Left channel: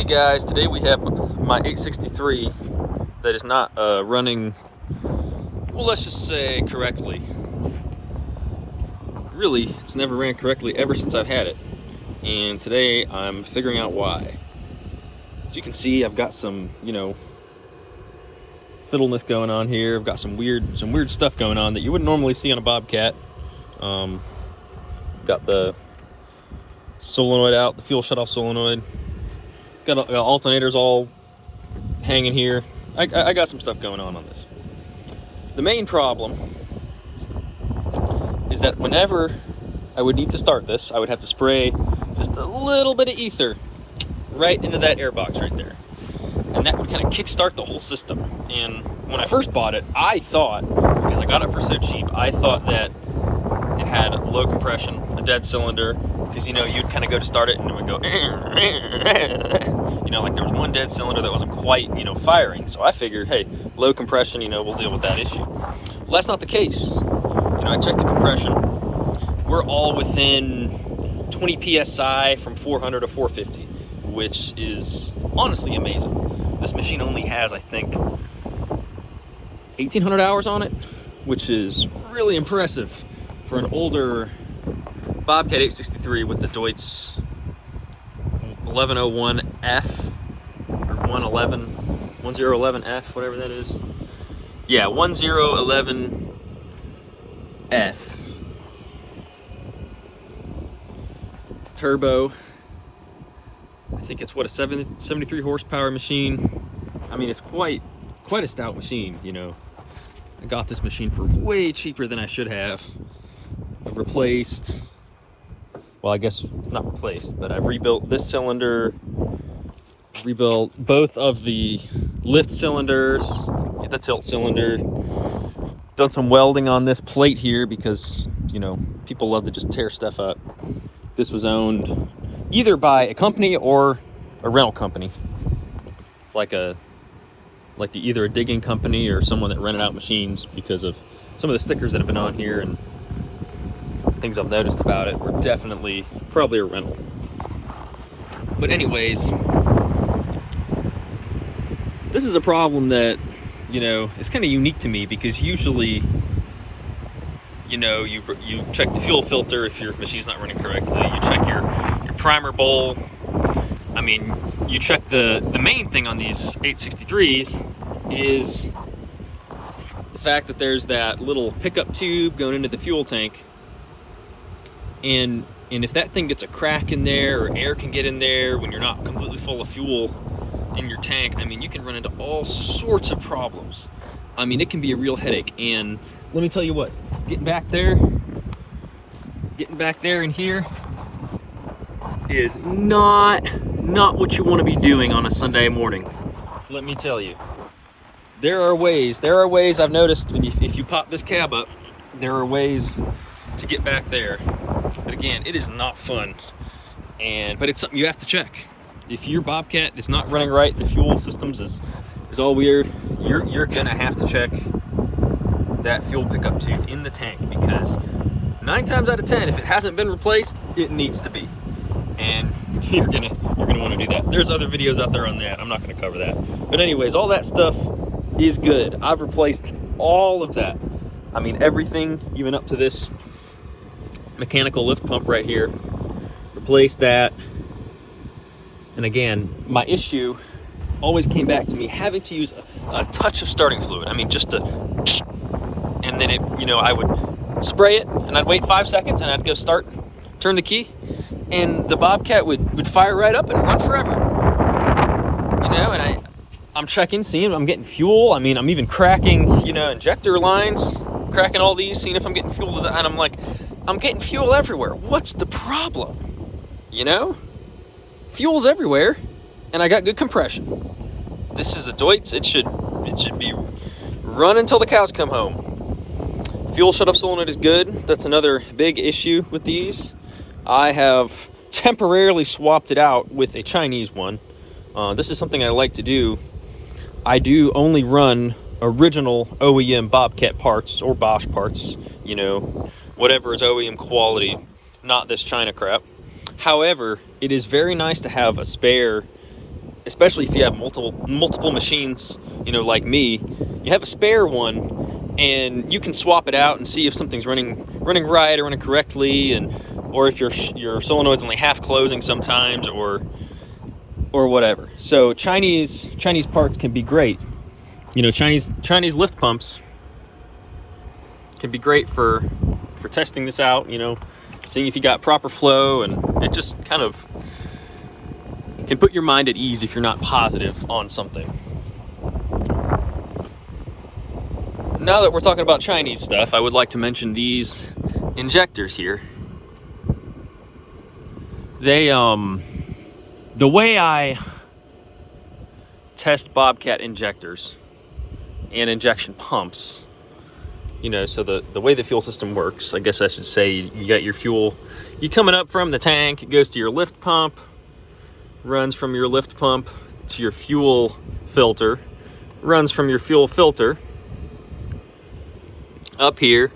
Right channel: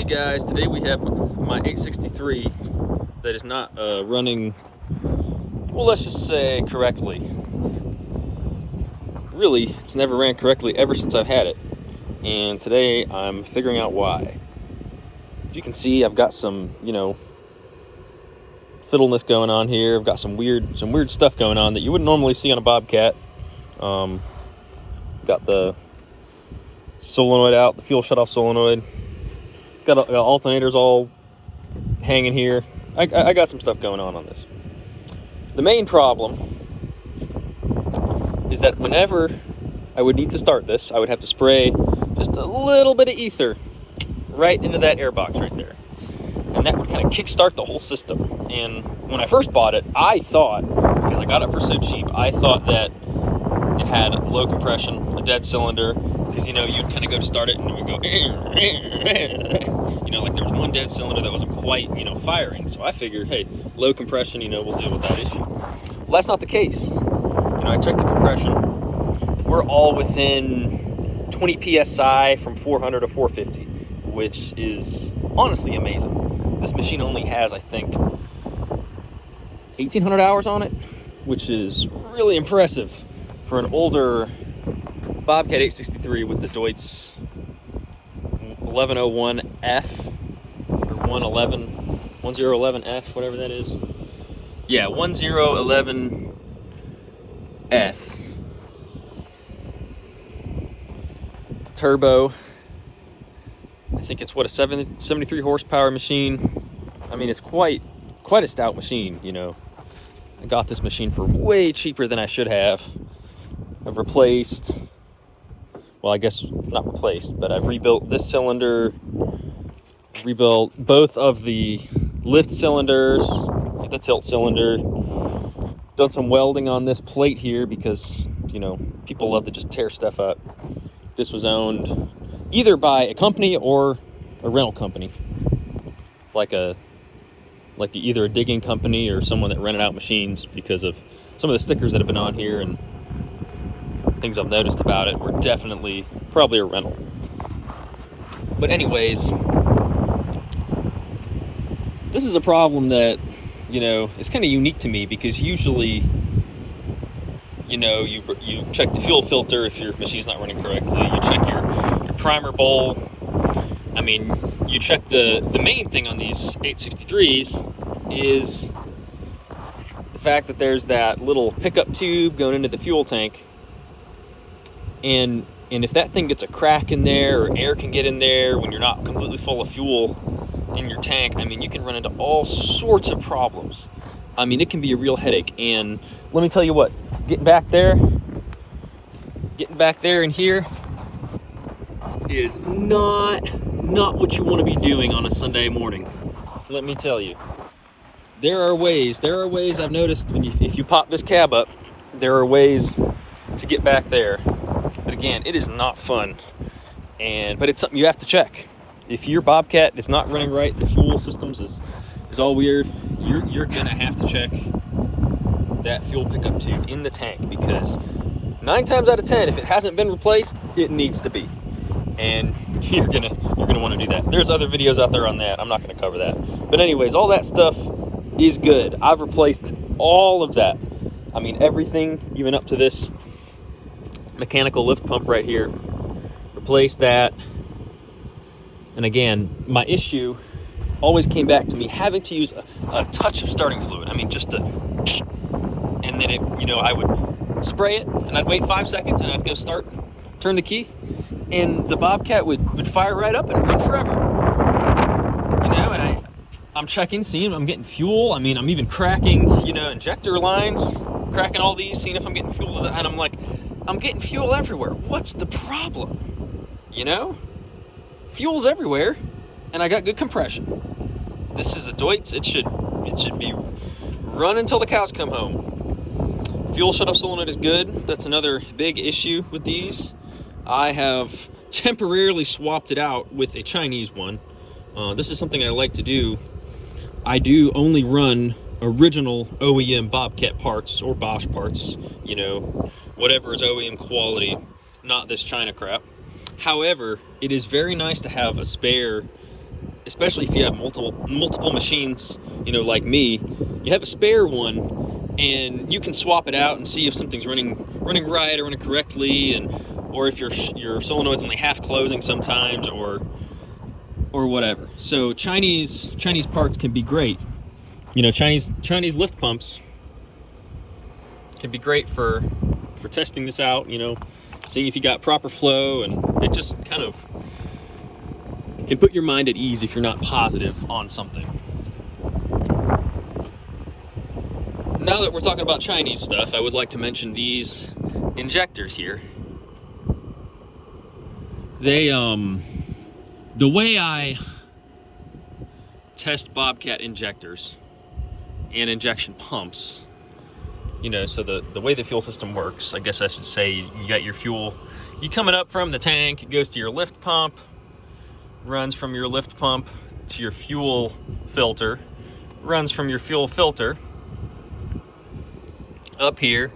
Hey guys, today we have my 863 that is not running, well, let's just say correctly. Really, it's never ran correctly ever since I've had it. And today I'm figuring out why. As you can see, I've got some, fiddleness going on here. I've got some weird stuff going on that you wouldn't normally see on a Bobcat. Got the solenoid out, the fuel shutoff solenoid. Got alternators all hanging here. I got some stuff going on this. The main problem is that whenever I would need to start this, I would have to spray just a little bit of ether right into that air box right there. And that would kind of kickstart the whole system. And when I first bought it, I thought, because I got it for so cheap, I thought that it had low compression, a dead cylinder, because you'd kind of go to start it and it would go like there was one dead cylinder that wasn't quite firing. So I figured, hey, low compression, we'll deal with that issue. Well, that's not the case. I checked the compression. We're all within 20 psi from 400 to 450, which is honestly amazing. This machine only has, I think, 1,800 hours on it, which is really impressive for an older Bobcat 863 with the Deutz 1101F or 1011F, whatever that is. Yeah, 1011F. Turbo. I think it's what, a 73 horsepower machine. I mean, it's quite a stout machine. I got this machine for way cheaper than I should have. I've replaced, well, I guess not replaced, but I've rebuilt this cylinder, rebuilt both of the lift cylinders, the tilt cylinder, done some welding on this plate here because, people love to just tear stuff up. This was owned either by a company or a rental company, like either a digging company or someone that rented out machines, because of some of the stickers that have been on here and things I've noticed about it were definitely probably a rental. But anyways, this is a problem that, is kind of unique to me, because usually, you check the fuel filter if your machine's not running correctly. You check your primer bowl. I mean, you check the main thing on these 863s is the fact that there's that little pickup tube going into the fuel tank. And if that thing gets a crack in there, or air can get in there when you're not completely full of fuel in your tank, I mean, you can run into all sorts of problems. I mean, it can be a real headache. And let me tell you what, getting back there in here is not what you want to be doing on a Sunday morning. Let me tell you, there are ways I've noticed if you pop this cab up, there are ways to get back there. But again, it is not fun, but it's something you have to check. If your Bobcat is not running right, the fuel systems is all weird, you're gonna have to check that fuel pickup tube in the tank, because 9 times out of 10, if it hasn't been replaced, it needs to be. And you're gonna want to do that. There's other videos out there on that. I'm not gonna cover that. But anyways, all that stuff is good. I've replaced all of that. I mean, everything, even up to this mechanical lift pump right here. Replace that. And again, my issue always came back to me having to use a touch of starting fluid. I mean, just to, and then I would spray it, and I'd wait 5 seconds, and I'd go turn the key, and the Bobcat would fire right up and run forever. And I'm checking, seeing I'm getting fuel. I mean, I'm even cracking, injector lines, cracking all these, seeing if I'm getting fuel to that, and I'm like, I'm getting fuel everywhere. What's the problem? Fuel's everywhere, and I got good compression. This is a Deutz. It should be running until the cows come home. Fuel shutoff solenoid is good. That's another big issue with these. I have temporarily swapped it out with a Chinese one. This is something I like to do. I do only run original OEM Bobcat parts or Bosch parts, whatever is OEM quality, not this China crap. However, it is very nice to have a spare especially if you have multiple machines, you know, like me, you have a spare one, and you can swap it out and see if something's running right or running correctly, and or if your solenoid's only half closing sometimes, or whatever. So Chinese parts can be great. You know, Chinese lift pumps can be great for testing this out, you know, seeing if you got proper flow, and it just kind of can put your mind at ease if you're not positive on something. Now that we're talking about Chinese stuff, I would like to mention these injectors here. They, the way I test Bobcat injectors and injection pumps, you know, so the way the fuel system works, I guess I should say, you got your fuel, you coming up from the tank, it goes to your lift pump, runs from your lift pump to your fuel filter, runs from your fuel filter up here,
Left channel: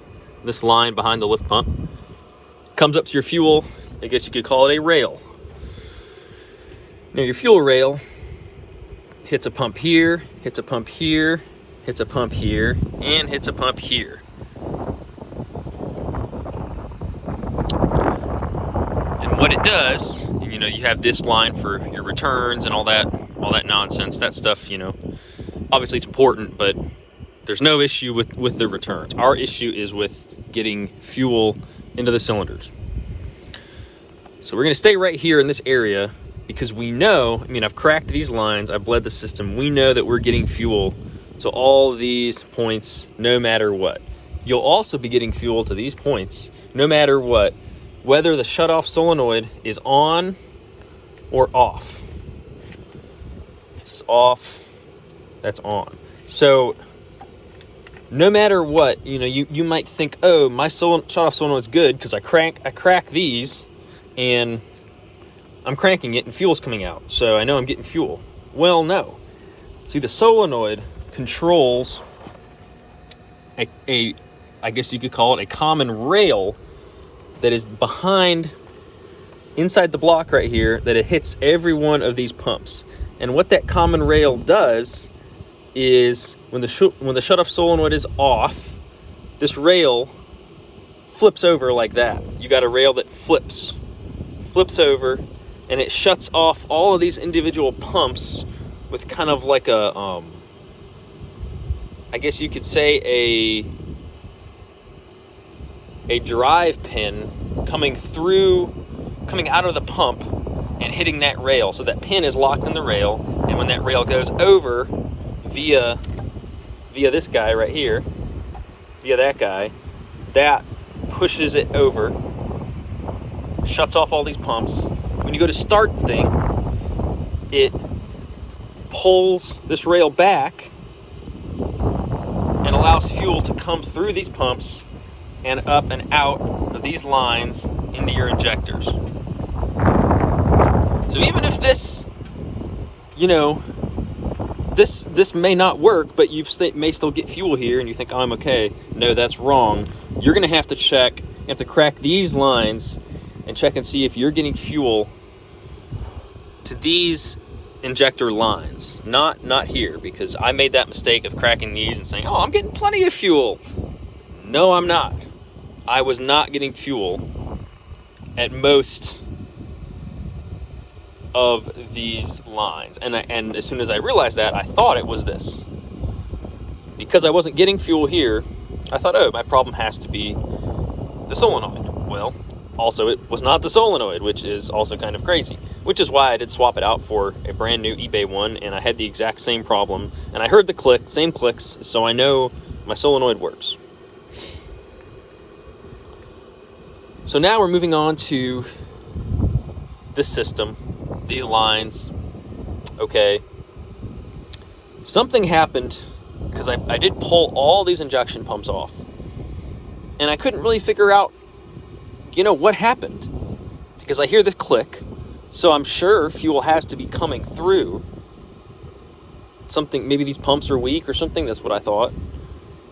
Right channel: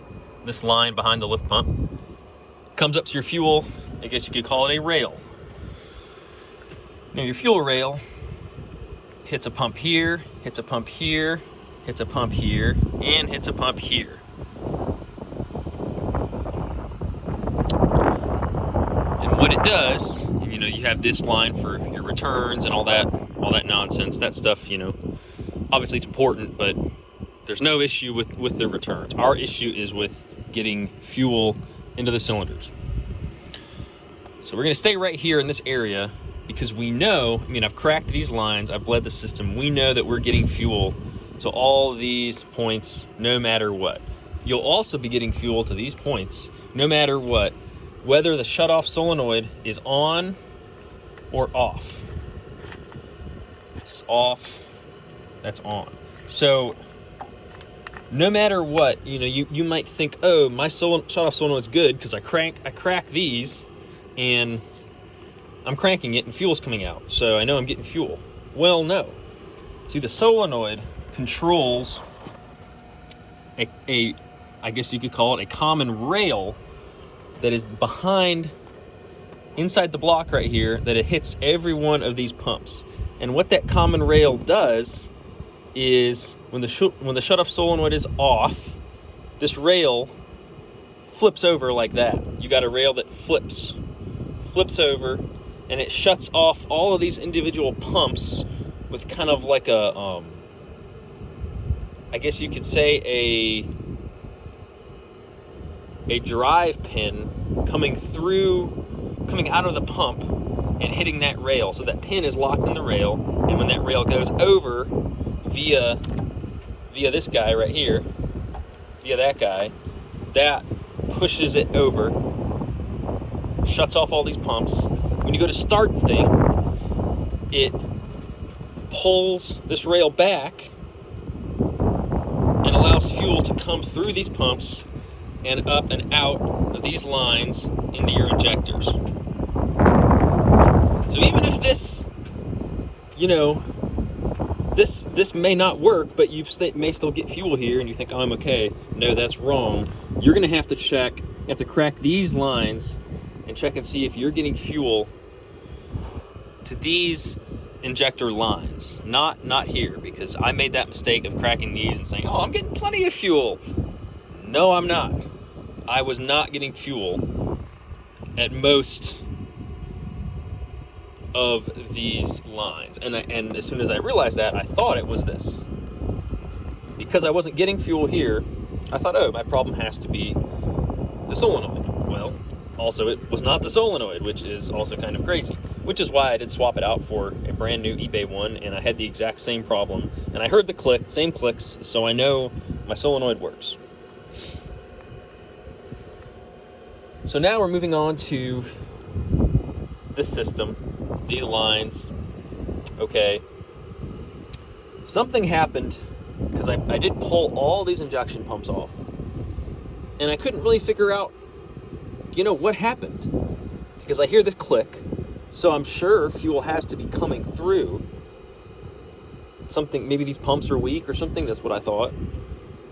this line behind the lift pump, comes up to your fuel, I guess you could call it a rail. Now your fuel rail hits a pump here, hits a pump here, hits a pump here, and hits a pump here. And what it does, you know, you have this line for your returns and all that nonsense, that stuff, you know, obviously it's important, but there's no issue with the returns. Our issue is with getting fuel into the cylinders. So we're gonna stay right here in this area, because we know, I mean, I've cracked these lines, I've bled the system, we know that we're getting fuel to all these points no matter what. You'll also be getting fuel to these points no matter what, whether the shutoff solenoid is on or off. This is off, that's on. So no matter what, you know, you might think, oh, my shutoff solenoid's good because I crack these and I'm cranking it and fuel's coming out, so I know I'm getting fuel. Well, no. See, the solenoid controls a I guess you could call it a common rail that is behind, inside the block right here, that it hits every one of these pumps. And what that common rail does is when the shutoff solenoid is off, this rail flips over like that. You got a rail that flips over, and it shuts off all of these individual pumps with kind of like a, I guess you could say a drive pin coming out of the pump and hitting that rail. So that pin is locked in the rail, and when that rail goes over via this guy right here, via that guy, that pushes it over, shuts off all these pumps. When you go to start the thing, it pulls this rail back and allows fuel to come through these pumps and up and out of these lines into your injectors. So even if this, you know, this may not work, but you may still get fuel here, and you think, oh, I'm okay. No, that's wrong. You're gonna have to check, you have to crack these lines and check and see if you're getting fuel to these injector lines, not here, because I made that mistake of cracking these and saying, oh, I'm getting plenty of fuel. No, I'm not. I was not getting fuel at most of these lines, and as soon as I realized that, I thought it was this. Because I wasn't getting fuel here, I thought, oh, my problem has to be the solenoid. Well, also it was not the solenoid, which is also kind of crazy, which is why I did swap it out for a brand new eBay one, and I had the exact same problem, and I heard the same clicks, so I know my solenoid works. So now we're moving on to this system, these lines. Okay, something happened, because I did pull all these injection pumps off, and I couldn't really figure out, you know, what happened, because I hear this click, so I'm sure fuel has to be coming through. Something, maybe these pumps are weak or something, that's what I thought.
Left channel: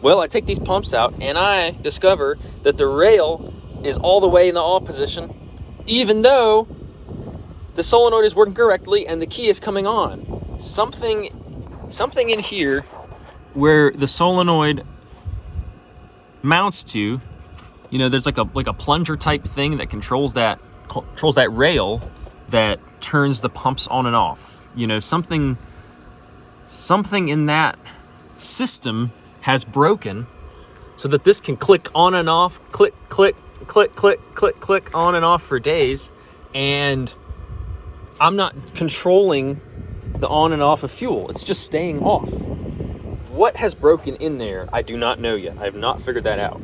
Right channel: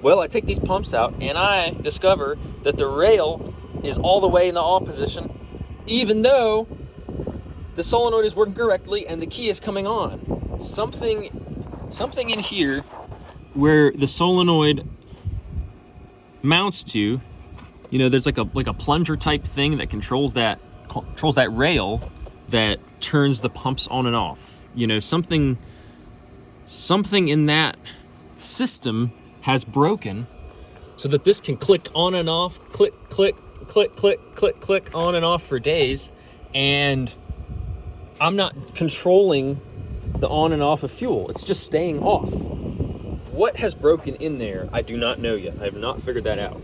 Well, I take these pumps out, and I discover that the rail is all the way in the off position, even though the solenoid is working correctly and the key is coming on. Something in here where the solenoid mounts to, you know, there's like a plunger type thing that controls that rail that turns the pumps on and off. You know, something in that system has broken so that this can click on and off, click, click, click, click, click, click, on and off for days, and I'm not controlling the on and off of fuel. It's just staying off. What has broken in there, I do not know yet. I have not figured that out.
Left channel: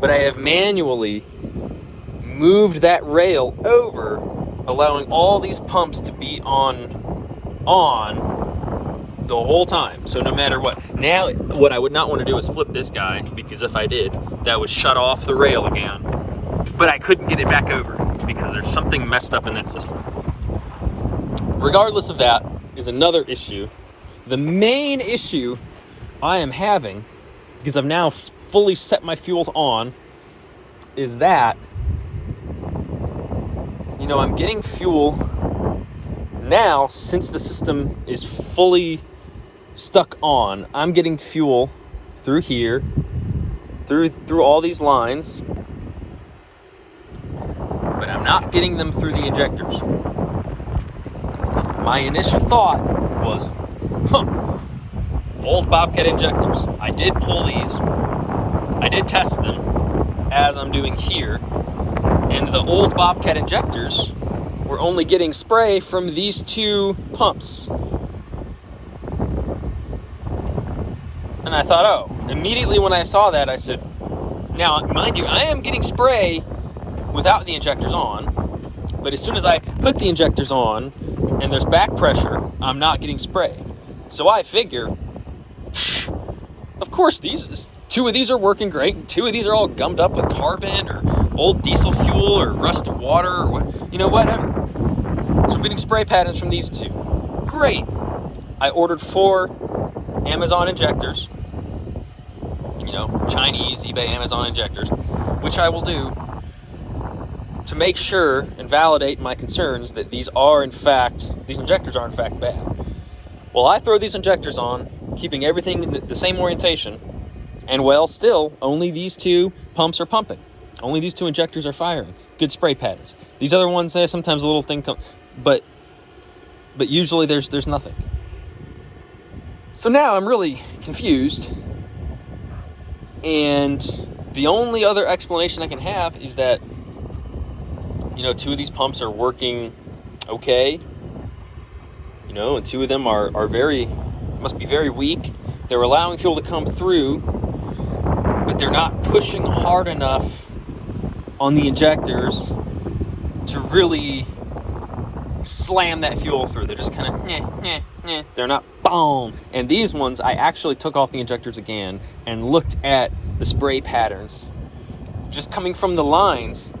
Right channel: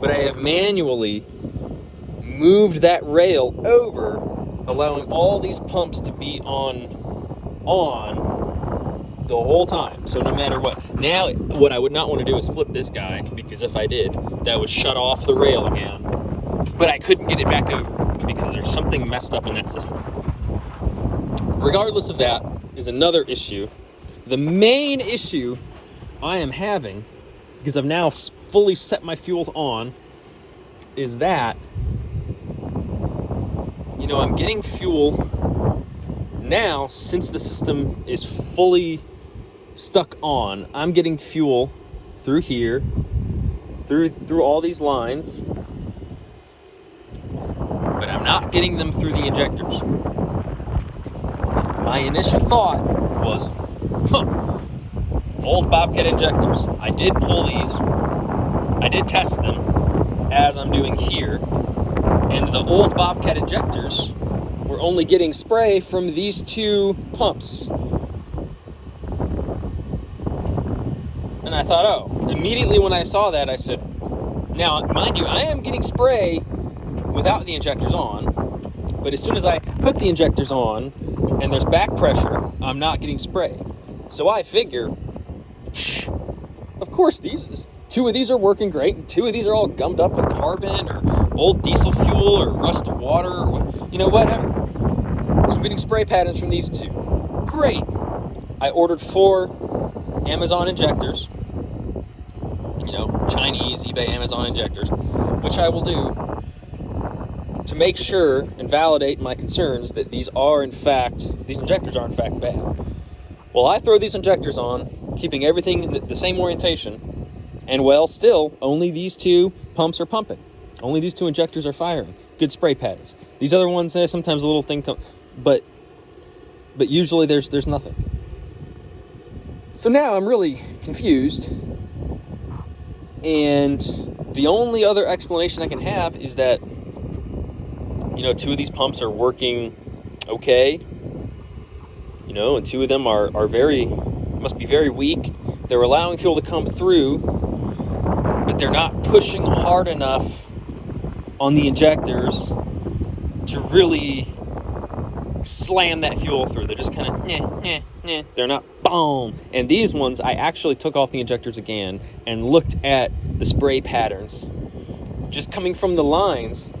But I have manually moved that rail over, allowing all these pumps to be on the whole time. So no matter what. Now, what I would not want to do is flip this guy, because if I did, that would shut off the rail again. But I couldn't get it back over because there's something messed up in that system. Regardless of that is another issue. The main issue I am having, because I've now fully set my fuel on, is that, you know, I'm getting fuel now, since the system is fully stuck on. I'm getting fuel through here, through all these lines, but I'm not getting them through the injectors. My initial thought was, old Bobcat injectors. I did pull these. I did test them as I'm doing here. And the old Bobcat injectors were only getting spray from these two pumps. And I thought, oh, immediately when I saw that, I said, now, mind you, I am getting spray without the injectors on, but as soon as I put the injectors on and there's back pressure, I'm not getting spray. So I figure, of course, two of these are working great, and two of these are all gummed up with carbon or old diesel fuel or rusted water or what, you know, whatever. So I'm getting spray patterns from these two. Great. I ordered 4 Amazon injectors, you know, Chinese, eBay, Amazon injectors, which I will do to make sure and validate my concerns that these injectors are in fact bad. Well, I throw these injectors on, keeping everything the same orientation, and well, still, only these 2 pumps are pumping. Only these 2 injectors are firing. Good spray patterns. These other ones, sometimes a little thing comes, but usually there's nothing. So now I'm really confused, and the only other explanation I can have is that, you know, 2 of these pumps are working okay, you know, and 2 of them must be very weak. They're allowing fuel to come through, but they're not pushing hard enough on the injectors to really slam that fuel through. They're just kind of, they're not boom. And these ones, I actually took off the injectors again and looked at the spray patterns. Just coming from the lines,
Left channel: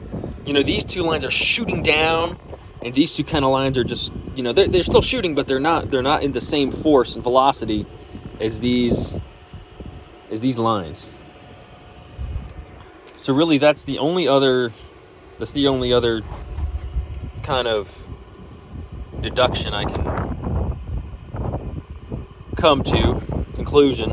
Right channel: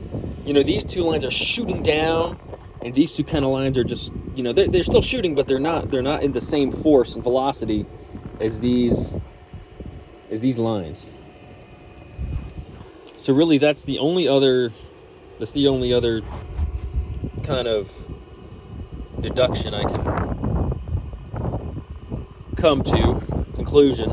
you know, these 2 lines are shooting down, and these 2 kind of lines are just, you know, they're still shooting, but they're not in the same force and velocity as these lines. So really, that's the only other kind of deduction I can come to, conclusion,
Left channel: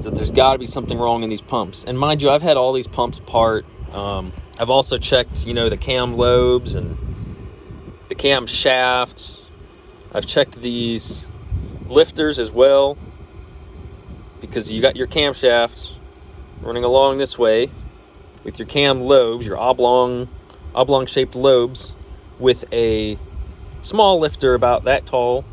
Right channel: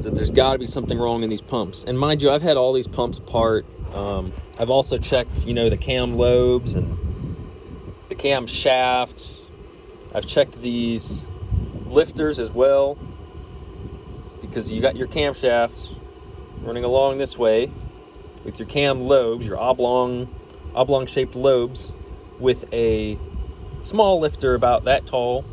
that there's got to be something wrong in these pumps. And mind you, I've had all these pumps apart. I've also checked, you know, the cam lobes and the cam shaft. I've checked these lifters as well, because you got your camshafts running along this way with your cam lobes, your oblong shaped lobes, with a small lifter about that tall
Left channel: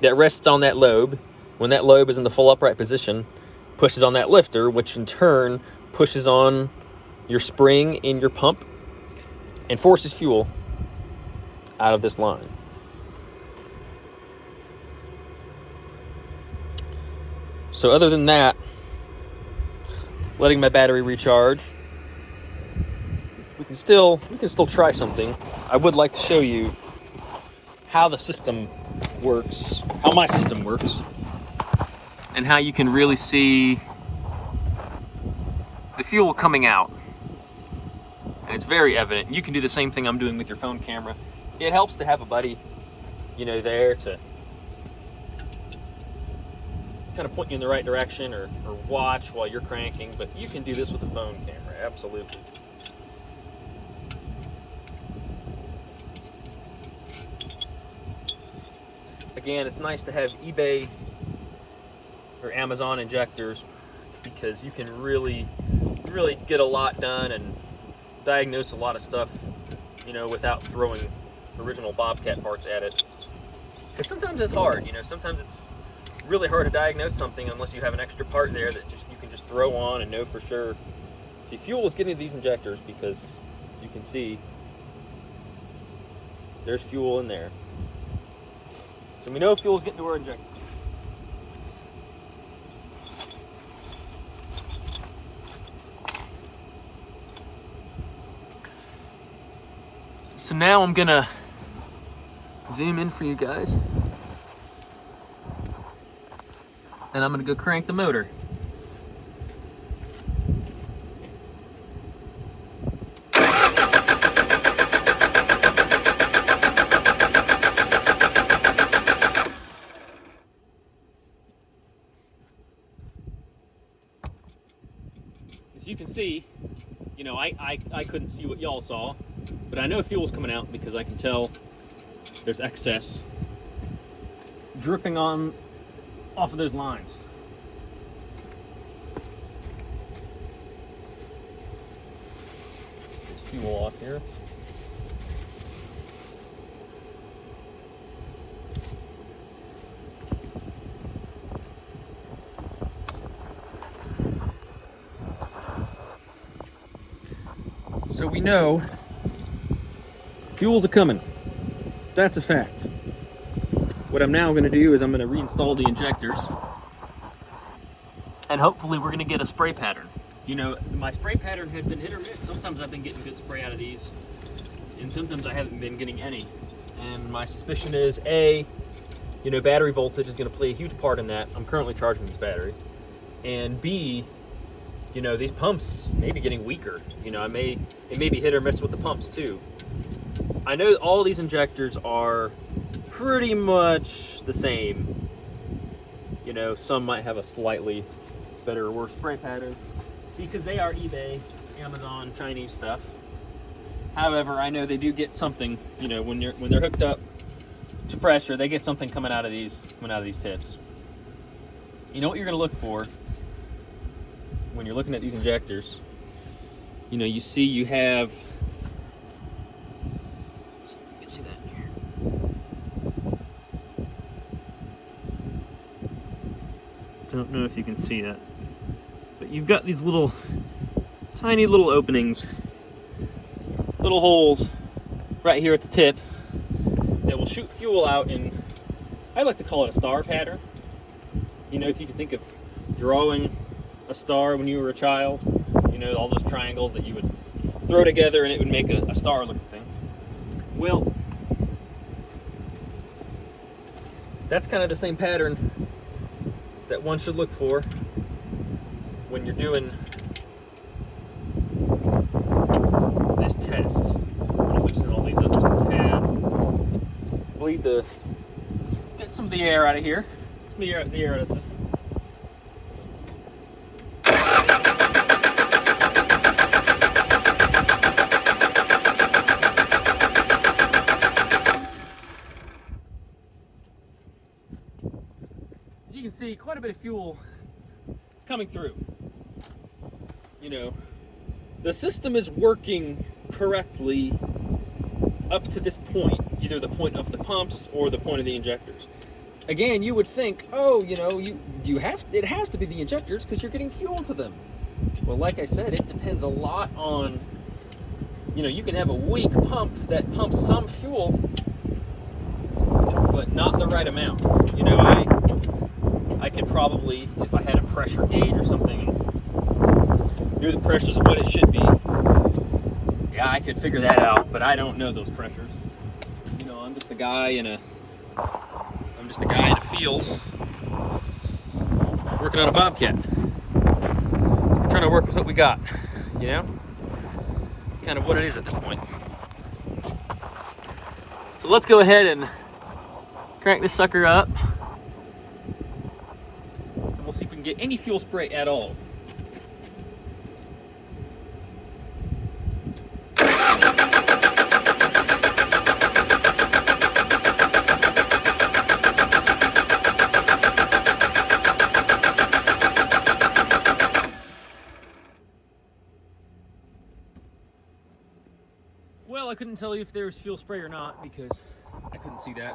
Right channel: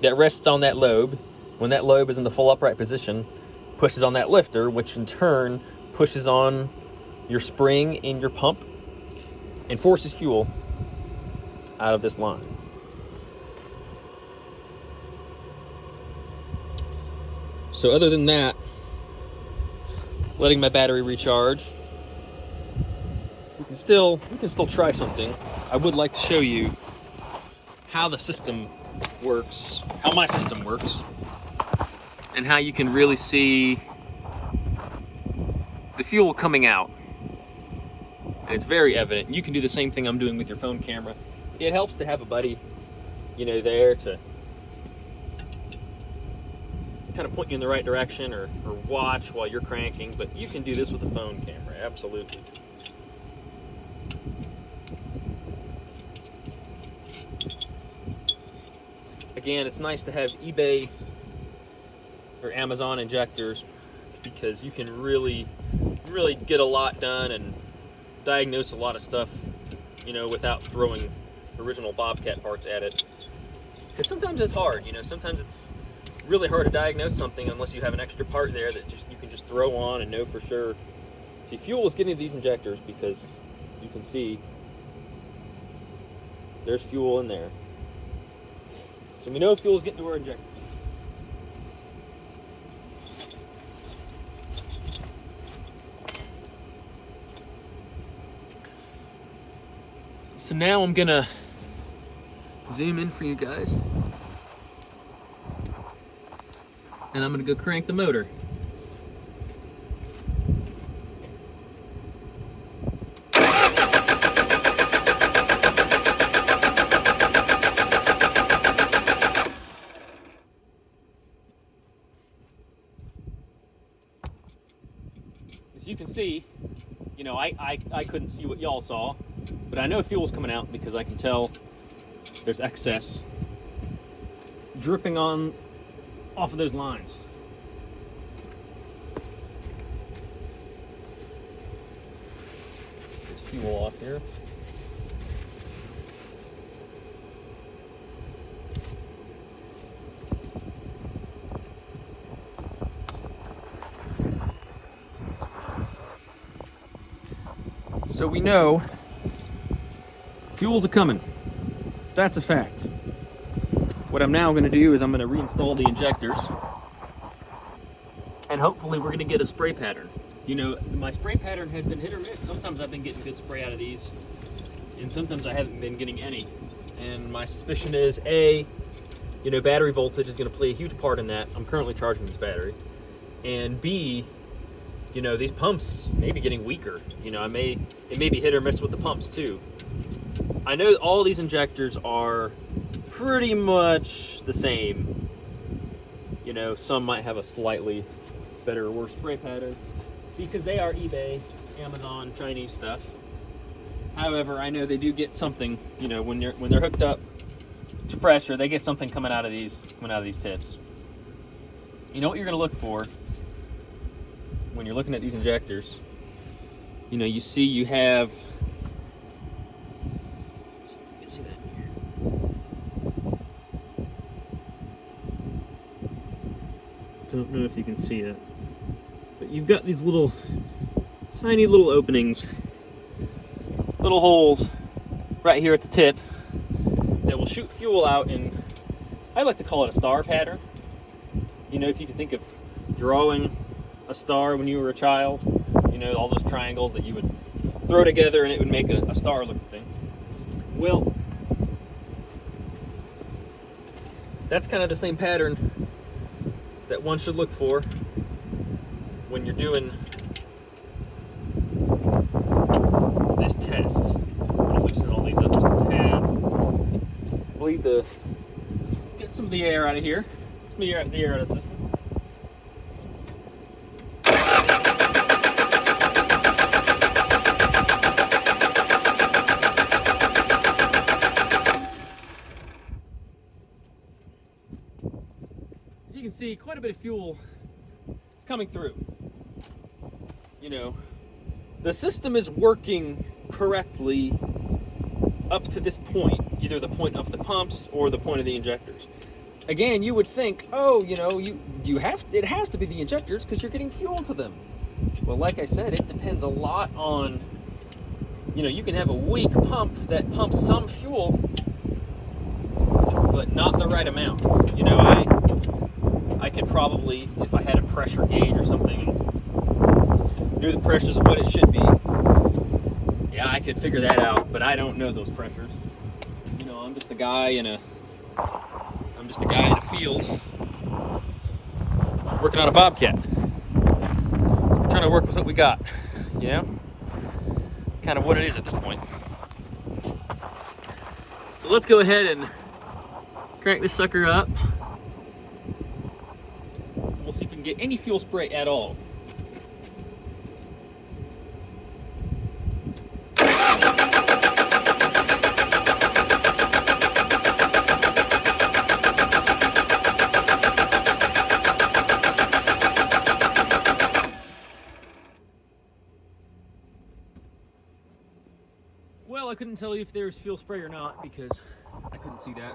that rests on that lobe. When that lobe is in the full upright position, pushes on that lifter, which in turn pushes on your spring in your pump and forces fuel out of this line. So other than that, letting my battery recharge, we can still try something. I would like to show you how the system works, how my system works, and how you can really see the fuel coming out and it's very evident. You can do the same thing I'm doing with your phone camera. It helps to have a buddy, you know, there to kind of point you in the right direction or watch while you're cranking, but you can do this with a phone camera, absolutely. Again, it's nice to have eBay or Amazon injectors because you can really get a lot done and diagnose a lot of stuff, you know, without throwing original Bobcat parts at it. Because sometimes it's hard, you know, sometimes it's really hard to diagnose something unless you have an extra part there that you can just throw on and know for sure. See, fuel is getting to these injectors because you can see there's fuel in there. So we know fuel's getting to our injector. So now I'm gonna zoom in for you guys. And I'm gonna go crank the motor. As you can see, you know, I couldn't see what y'all saw, but I know fuel's coming out because I can tell there's excess dripping on off of those lines. There's fuel off here. So we know fuel's a-coming. That's a fact. What I'm now going to do is I'm going to reinstall the injectors, and hopefully we're going to get a spray pattern. You know, my spray pattern has been hit or miss. Sometimes I've been getting good spray out of these, and sometimes I haven't been getting any. And my suspicion is, A, you know, battery voltage is going to play a huge part in that. I'm currently charging this battery. And B, you know, these pumps may be getting weaker. You know, it may be hit or miss with the pumps too. I know all these injectors are pretty much the same. You know, some might have a slightly better or worse spray pattern because they are eBay, Amazon, Chinese stuff. However, I know they do get something, you know, when they're hooked up to pressure, they get something coming out of these tips. You know what you're going to look for when you're looking at these injectors? You know, you see you have, let's see if you can see that in here. Don't know if you can see that, but you've got these little, tiny little openings, little holes right here at the tip that will shoot fuel out in, I like to call it a star pattern. You know, if you can think of drawing a star when you were a child, you know, all those triangles that you would throw together and it would make a star looking thing. Well, that's kind of the same pattern that one should look for when you're doing this test. I'm going to loosen all these up just a tad. Get some of the air out of here. Get some of the air out of the system. As you can see, quite a bit of fuel is coming through. You know, the system is working correctly up to this point, either the point of the pumps or the point of the injectors. Again, you would think, oh, you know, it has to be the injectors because you're getting fuel to them. Well, like I said, it depends a lot on, you know, you can have a weak pump that pumps some fuel, but not the right amount. You know, I could probably, if I had a pressure gauge or something, knew the pressures of what it should be, yeah, I could figure that out, but I don't know those pressures. You know, I'm just a guy in a field working on a Bobcat. We're trying to work with what we got, you know? kind of what it is at this point. So let's go ahead and crank this sucker up. And we'll see if we can get any fuel spray at all. Well, I couldn't tell you if there was fuel spray or not because I couldn't see that.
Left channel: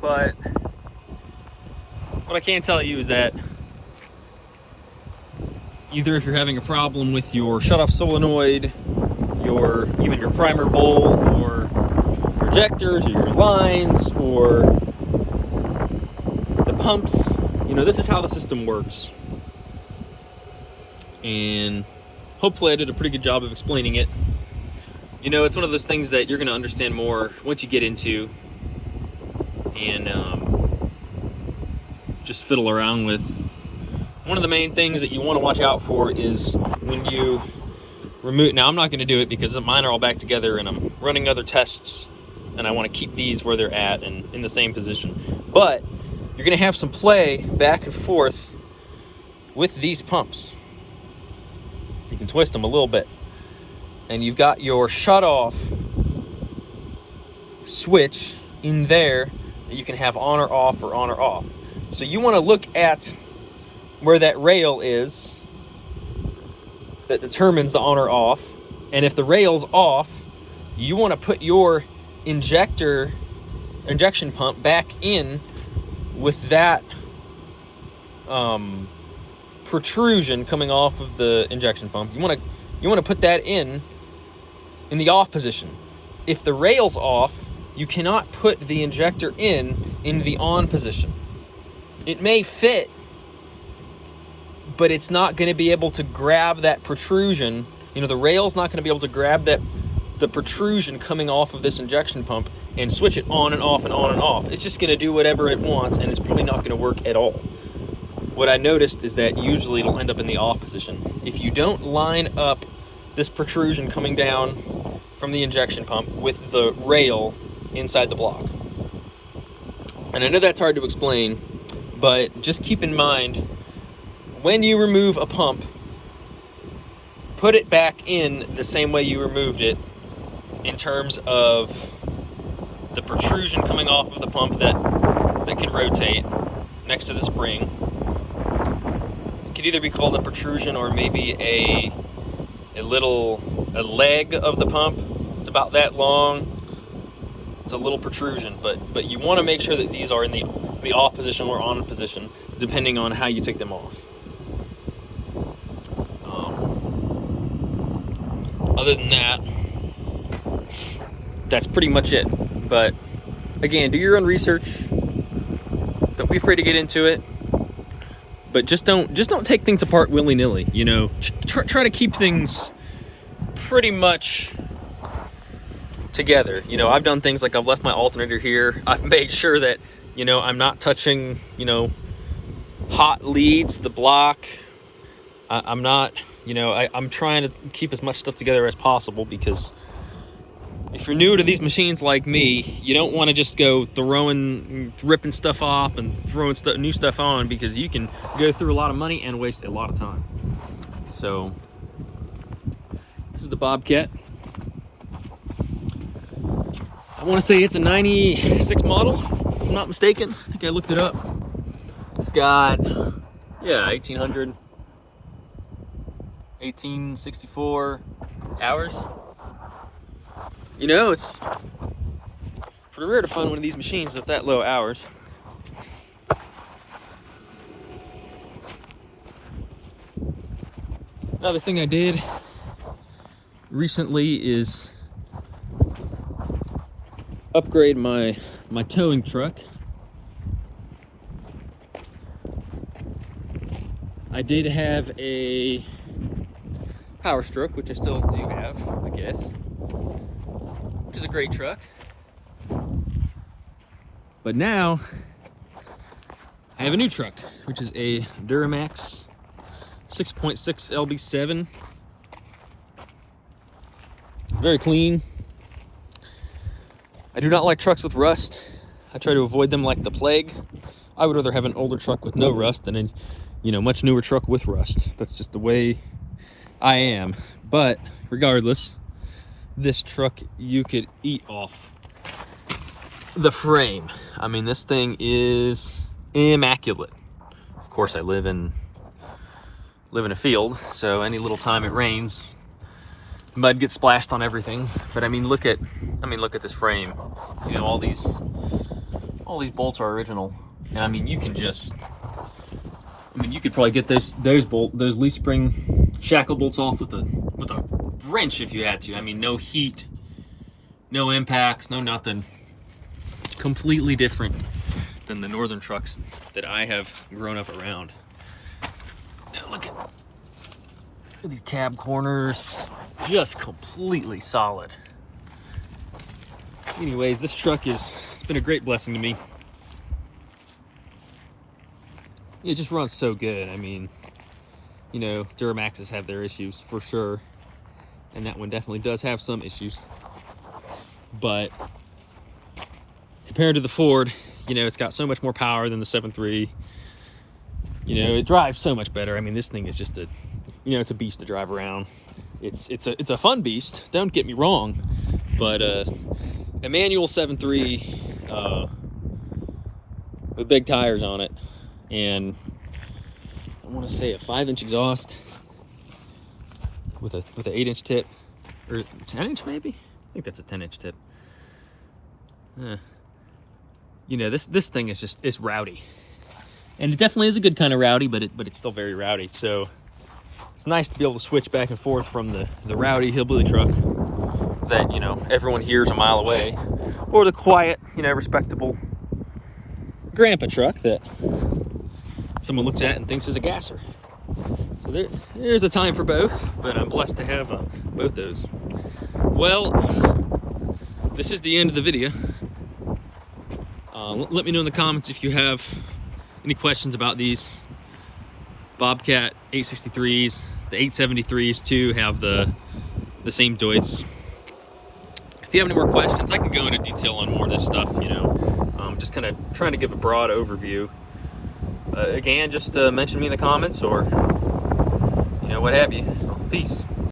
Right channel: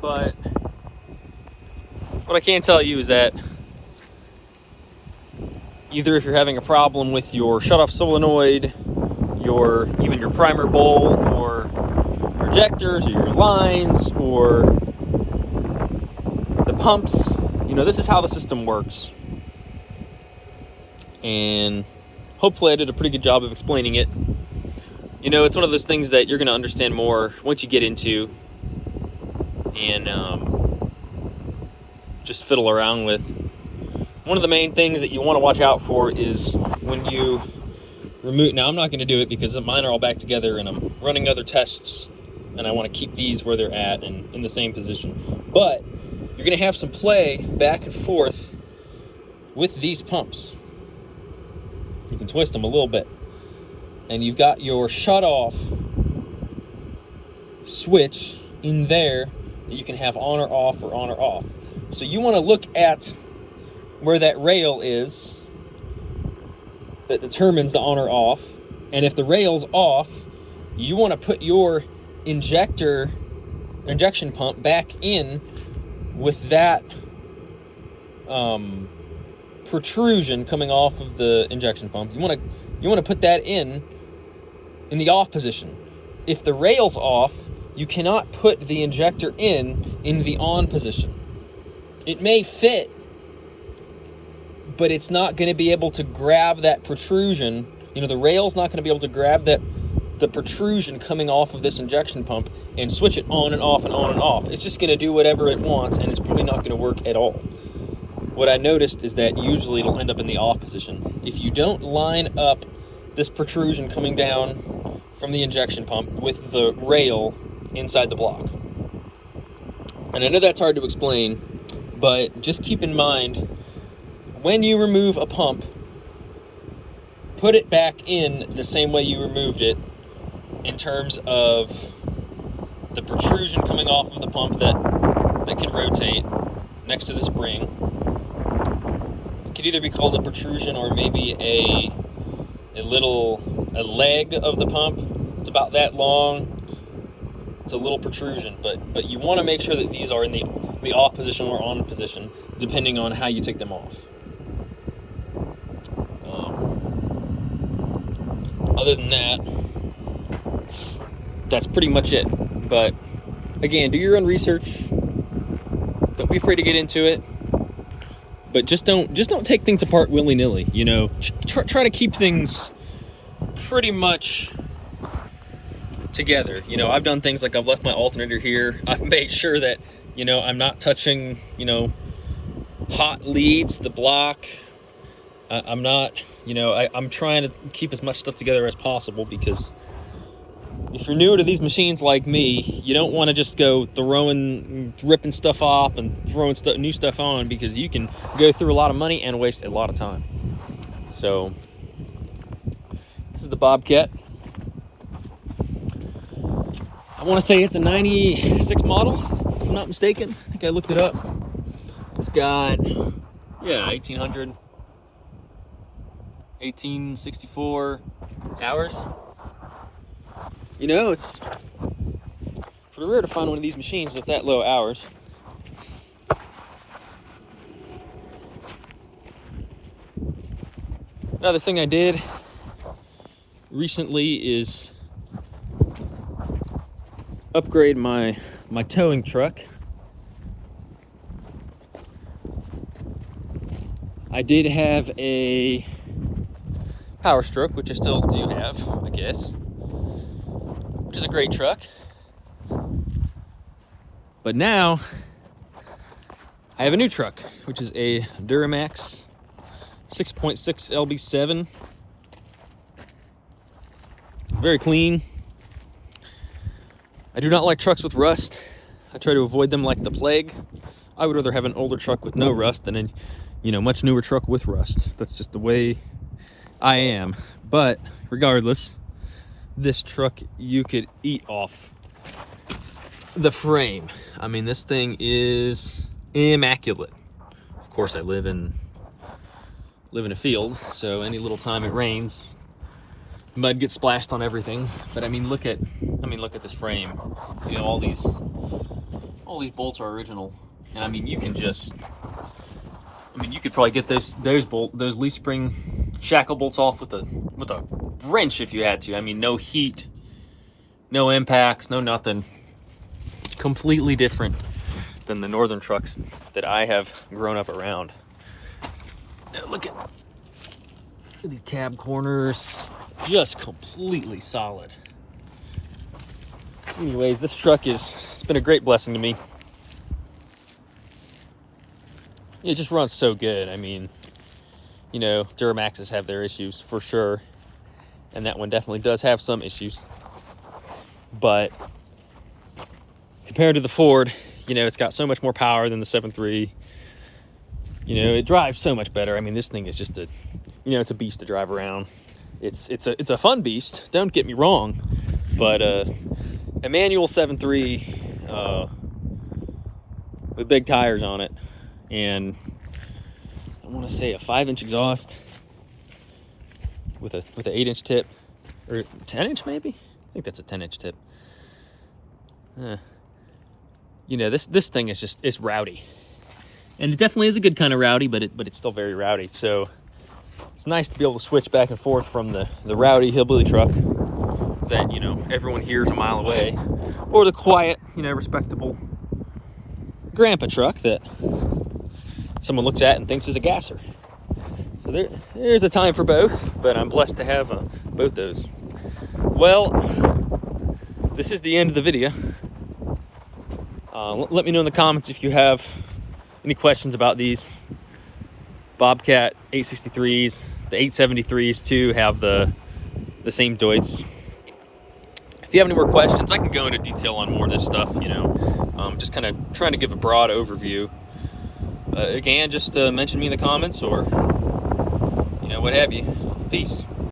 But what I can tell you is that either if you're having a problem with your shutoff solenoid, even your primer bowl, or your injectors, or your lines, or the pumps, you know, this is how the system works. And hopefully I did a pretty good job of explaining it. You know, it's one of those things that you're going to understand more once you get into and just fiddle around with. One of the main things that you want to watch out for is when you remove. Now, I'm not going to do it because mine are all back together and I'm running other tests and I want to keep these where they're at and in the same position. But you're going to have some play back and forth with these pumps. You can twist them a little bit. And you've got your shut-off switch in there that you can have on or off or on or off. So you want to look at where that rail is that determines the on or off. And if the rail's off, you want to put your injection pump back in with that protrusion coming off of the injection pump. You want to put that in the off position. If the rail's off, you cannot put the injector in the on position. It may fit, but it's not going to be able to grab that protrusion. You know, the rail's not going to be able to grab the protrusion coming off of this injection pump and switch it on and off and on and off. It's just going to do whatever it wants, and it's probably not going to work at all. What I noticed is that usually it'll end up in the off position. If you don't line up this protrusion coming down from the injection pump with the rail inside the block. And I know that's hard to explain, but just keep in mind, when you remove a pump, put it back in the same way you removed it in terms of the protrusion coming off of the pump that can rotate next to the spring. It could either be called a protrusion or maybe a leg of the pump. It's about that long. It's a little protrusion, but you want to make sure that these are in the off position or on position, depending on how you take them off. Other than that, that's pretty much it. But again, do your own research. Don't be afraid to get into it. But just don't take things apart willy-nilly. You know, try to keep things pretty much together. You know, I've done things like I've left my alternator here. I've made sure that, you know, I'm not touching, you know, hot leads, the block. I'm not, you know, I'm trying to keep as much stuff together as possible, because if you're new to these machines like me, you don't want to just go ripping stuff off and throwing new stuff on, because you can go through a lot of money and waste a lot of time. So this is the Bobcat. I want to say it's a 96 model, if I'm not mistaken. I think I looked it up. It's got, 1864 hours. You know, it's pretty rare to find one of these machines with that low hours. Another thing I did recently is upgrade my towing truck. I did have a Power Stroke, which I still do have, I guess, which is a great truck. But now I have a new truck, which is a Duramax 6.6 LB7. very clean. I do not like trucks with rust. I try to avoid them like the plague. I would rather have an older truck with no rust than a, you know, much newer truck with rust. That's just the way I am. But regardless, this truck, you could eat off the frame. I mean, this thing is immaculate. Of course, I live in a field, so any little time it rains, mud gets splashed on everything. But I mean, look at this frame. You know, all these bolts are original, and I mean, you can just, I mean, you could probably get those leaf spring shackle bolts off with a wrench if you had to. I mean, no heat, no impacts, no nothing. Completely different than the northern trucks that I have grown up around. Look at these cab corners, just completely solid. Anyways, this truck it's been a great blessing to me. It just runs so good. I mean, you know, Duramaxes have their issues for sure, and that one definitely does have some issues. But compared to the Ford, you know, it's got so much more power than the 7.3. You know, it drives so much better. I mean, this thing is just it's a beast to drive around. It's a fun beast, don't get me wrong, but a manual 7.3 with big tires on it, and I want to say a 5-inch exhaust with an 8-inch tip, or 10-inch maybe. I think that's a 10-inch tip. You know, this thing is it's rowdy, and it definitely is a good kind of rowdy, but it's still very rowdy. So it's nice to be able to switch back and forth from the rowdy hillbilly truck that, you know, everyone hears a mile away, or the quiet, you know, respectable grandpa truck that someone looks at and thinks is a gasser. So there's a time for both, but I'm blessed to have both those. Well, this is the end of the video. Let me know in the comments if you have any questions about these Bobcat 863s. The 873s too have the same Deutz. If you have any more questions, I can go into detail on more of this stuff, you know. Just kind of trying to give a broad overview. Again, just mention me in the comments, or, you know, what have you. Peace.